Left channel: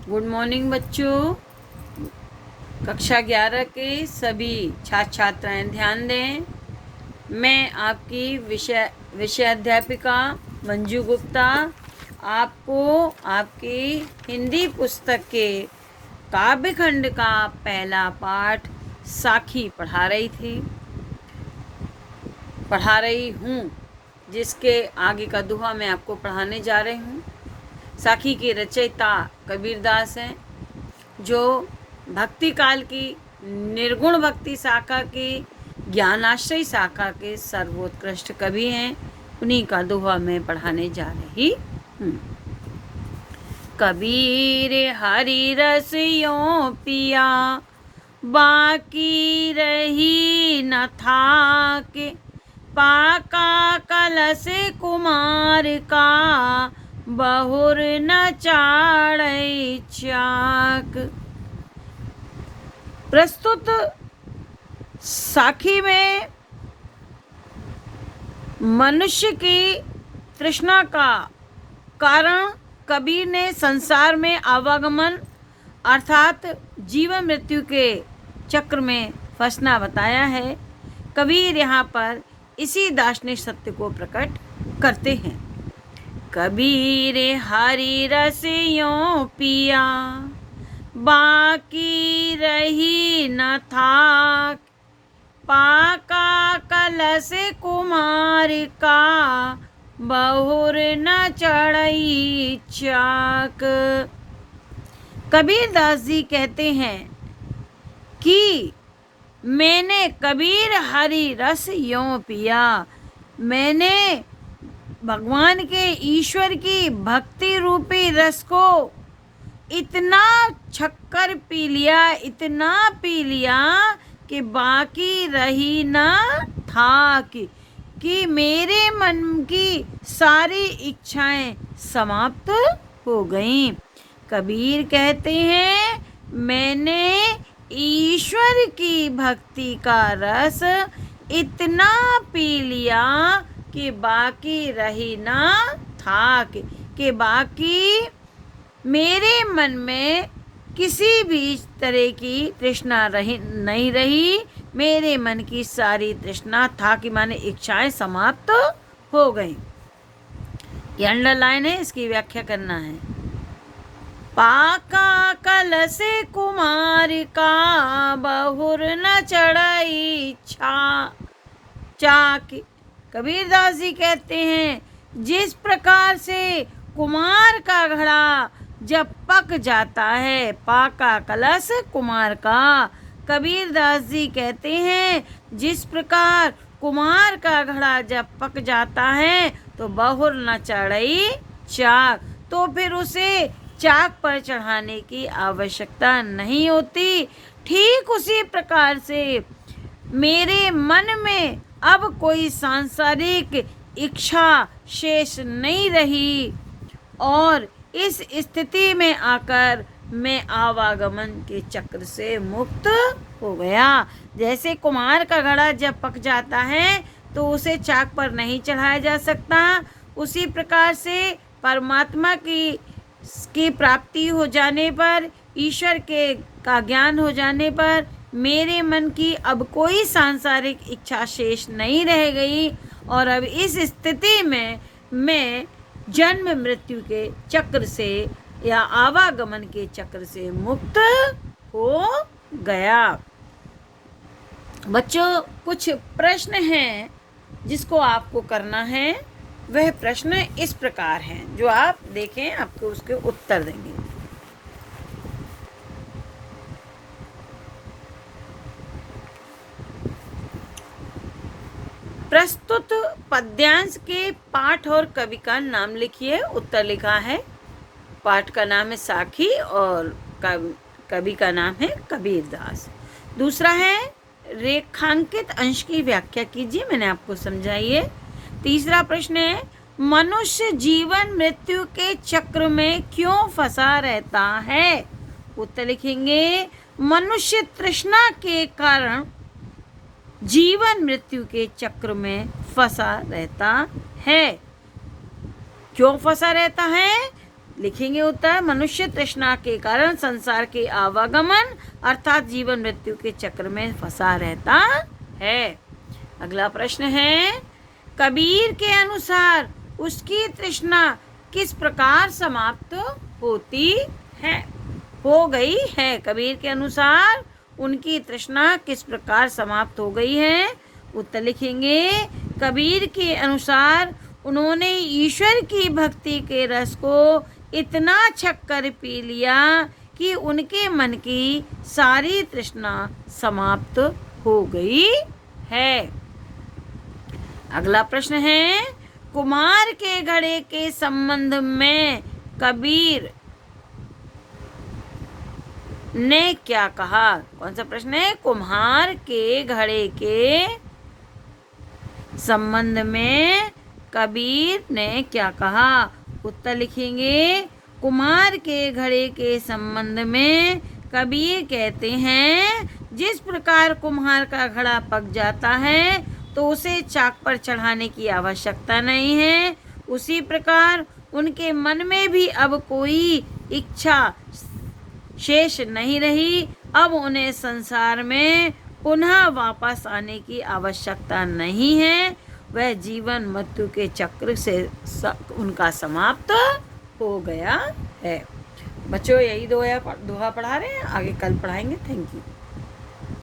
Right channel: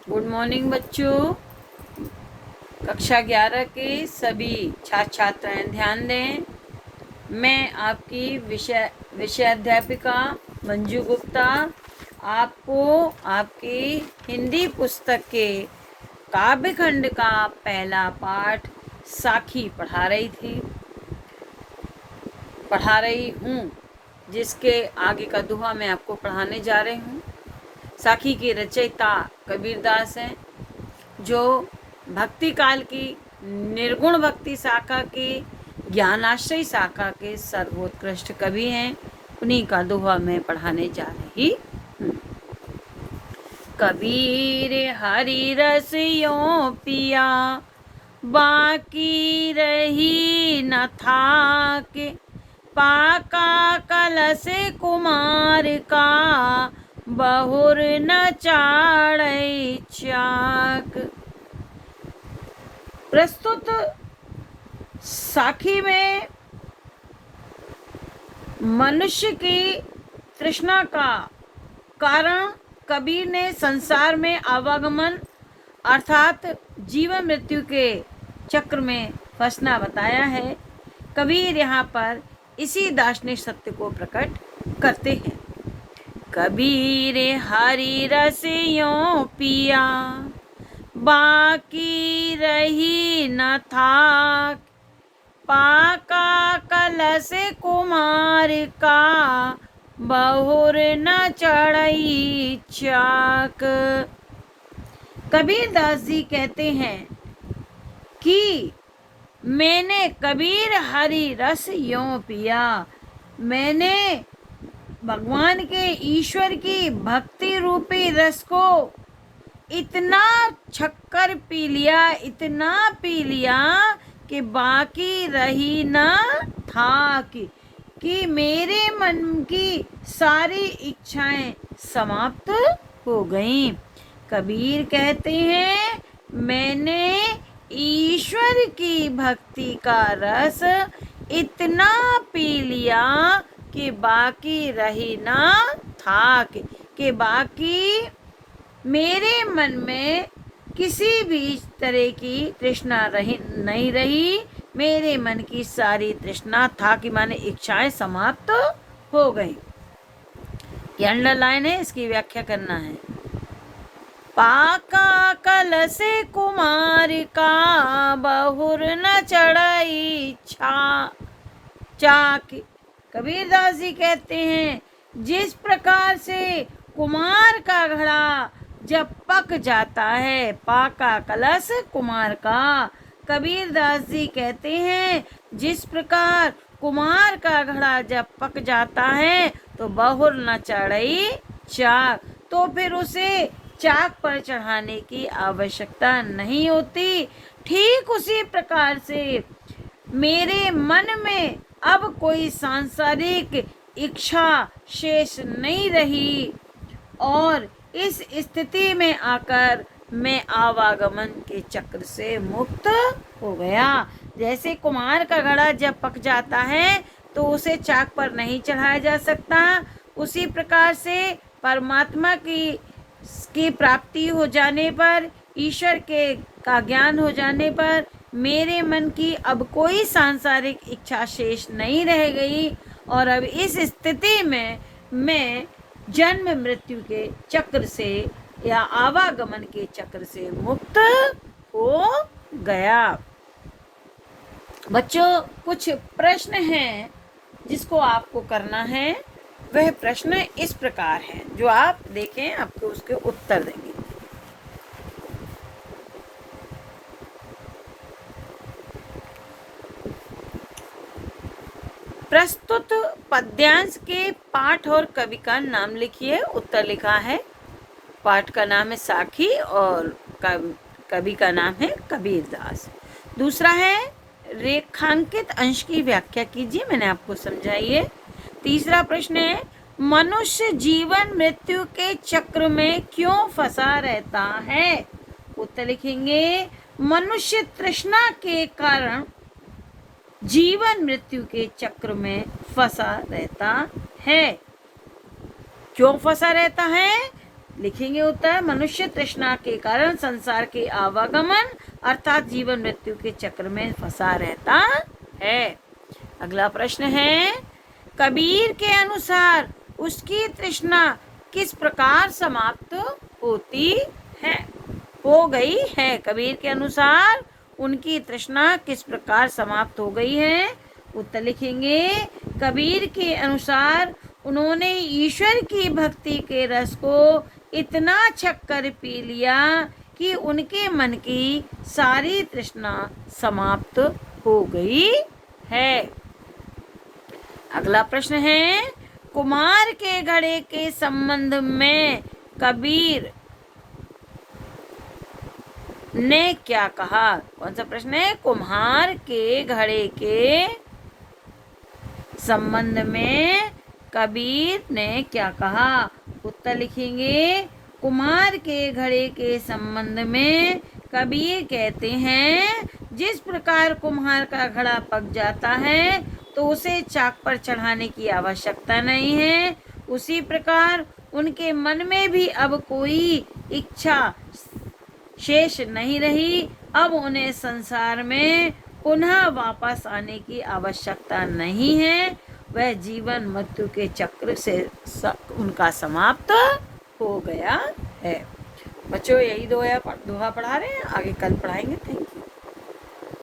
Good morning बच्चों। कक्षा 11 के सभी छात्र छात्राएं ध्यान दें। मैं आपकी विषय अध्यापिका मंजू गुप्ता आपको आपकी हिंदी पुस्तक के काव्य खंड का पहला पाठ साखी पढ़ा रही हूँ, जिसके आगे का दोहा मैं आपको पढ़ाने जा रही हूँ। साखी के रचयिता कबीरदास हैं, जो भक्ति काल की निर्गुण भक्ति शाखा के ज्ञानाश्रय शाखा के सर्वोत्कृष्ट कवि हैं। उन्हीं का दोहा मैं पढ़ाने जा रही हूँ। कबीर हरि रस यों पिया, बाकी रही न थाके, पाका कलश कुमार का, बहुर न चाड़ै चाक। प्रस्तुत साखी में मनुष्य की तृष्णा का कारण कबीर ने संसार में आवागमन अर्थात जीवन मृत्यु के चक्र में फंसना बताया है। कबीर यहाँ पर इसी दार्शनिक सत्य को प्रकट करते हैं। कबीर हरि रस यों पिया, बाकी रही न था, पाका कलश कुमार का, बहुर न चढ़ई चाक। कबीरदास जी कहते हैं कि मैंने कबीर हरि रस यों पिया, मैंने भगवान के ईश्वर की भक्ति रूपी रस को इतना छक्कर पी लिया, इतना पी लिया कि बाकी रही ना था कि मेरे मन की सारी इच्छाएं समाप्त हो गईं। कबीर कहते हैं मैंने ईश्वर की भक्ति का रस इतना पी लिया कि बाकी रही ना था कि बाकी मेरे मन में किसी भी तरह की तृष्णा नहीं रही। मेरे मन की सारी तृष्णा था कि माने इच्छाएं समाप्त हो गई। ये अंडरलाइन है, इसकी व्याख्या करना है। पाका कलश कुमार का, बहुर न चढ़ई चाक। कबीरदास जी कहते हैं जिस प्रकार से कुमार का घड़ा जब पक जाता है, पाका कलश कुमार का, कबीरदास जी कहते हैं जिस प्रकार कुमार का घड़ा जब पक जाता है तो बहुर न चढ़ई चाक, तो फिर उसे चाक पर चढ़ाने की आवश्यकता नहीं होती। ठीक उसी प्रकार से मेरे मन में अब कोई सांसारिक इच्छा शेष नहीं रही और इस स्थिति में आकर मैं आवागमन के चक्र से मुक्त हो गया। जैसे कुमार का घड़ा जब पक जाता है तो उसे चाक पर नहीं चढ़ाया जा सकता, उसी प्रकार से परमात्मा की प्राप्ति हो जाने पर, ईश्वर का ज्ञान हो जाने पर मेरे मन की अब कोई सांसारिक इच्छा शेष नहीं रह गई और अब इस स्थिति में मैं जन्म मृत्यु के चक्र से या आवागमन के चक्र से मुक्त हो गया। बच्चों, कुछ प्रश्न हैं जिसको आपको करना है। वह प्रश्न इस प्रकार हैं, जो आप देखें आपको उसके उत्तर देंगे। प्रस्तुत पद्यांश के पाठ और कवि का नाम लिखिए। उत्तर लिखा है, पाठ का नाम है साखी और कवि का नाम है कबीरदास। दूसरा है रेखांकित अंश की व्याख्या कीजिए, मैंने आपको समझाई है। तीसरा प्रश्न है मनुष्य जीवन मृत्यु के चक्र में क्यों फंसा रहता है। उत्तर लिखेंगे मनुष्य तृष्णा के कारण जीवन मृत्यु के चक्र में फंसा रहता है। क्यों फंसा रहता है? लिखेंगे उत्तर, मनुष्य तृष्णा के कारण संसार के आवागमन अर्थात जीवन मृत्यु के चक्र में फंसा रहता है। अगला प्रश्न है, कबीर के अनुसार उसकी तृष्णा किस प्रकार समाप्त होती है? हो गई है। कबीर के अनुसार उनकी तृष्णा किस प्रकार समाप्त हो गई है? उत्तर लिखेंगे, कबीर के अनुसार उन्होंने ईश्वर की भक्ति के रस को इतना छक्कर पी लिया कि उनके मन की सारी तृष्णा समाप्त हो गई है। अगला प्रश्न है, कुम्हार के घड़े के संबंध में कबीर ने क्या कहा? कौन सा प्रश्न है? कुम्हार के घड़े के संबंध में कबीर ने क्या कहा? उत्तर लिखेंगे, कुम्हार के घड़े के संबंध में कबीर कहते हैं, जिस प्रकार कुम्हार का घड़ा पक जाता है तो उसे चाक पर चढ़ाने की आवश्यकता नहीं है, उसी प्रकार उनके मन में भी अब कोई इच्छा शेष नहीं रही। अब उन्हें संसार में पुनः वापस आने की आवश्यकता नहीं है। वह जीवन मृत्यु के चक्र से उनका समाप्त हो गया है। बच्चों, यही दोहा पढ़ा रहे हैं, आगे कल पढ़ाएंगे। Thank you.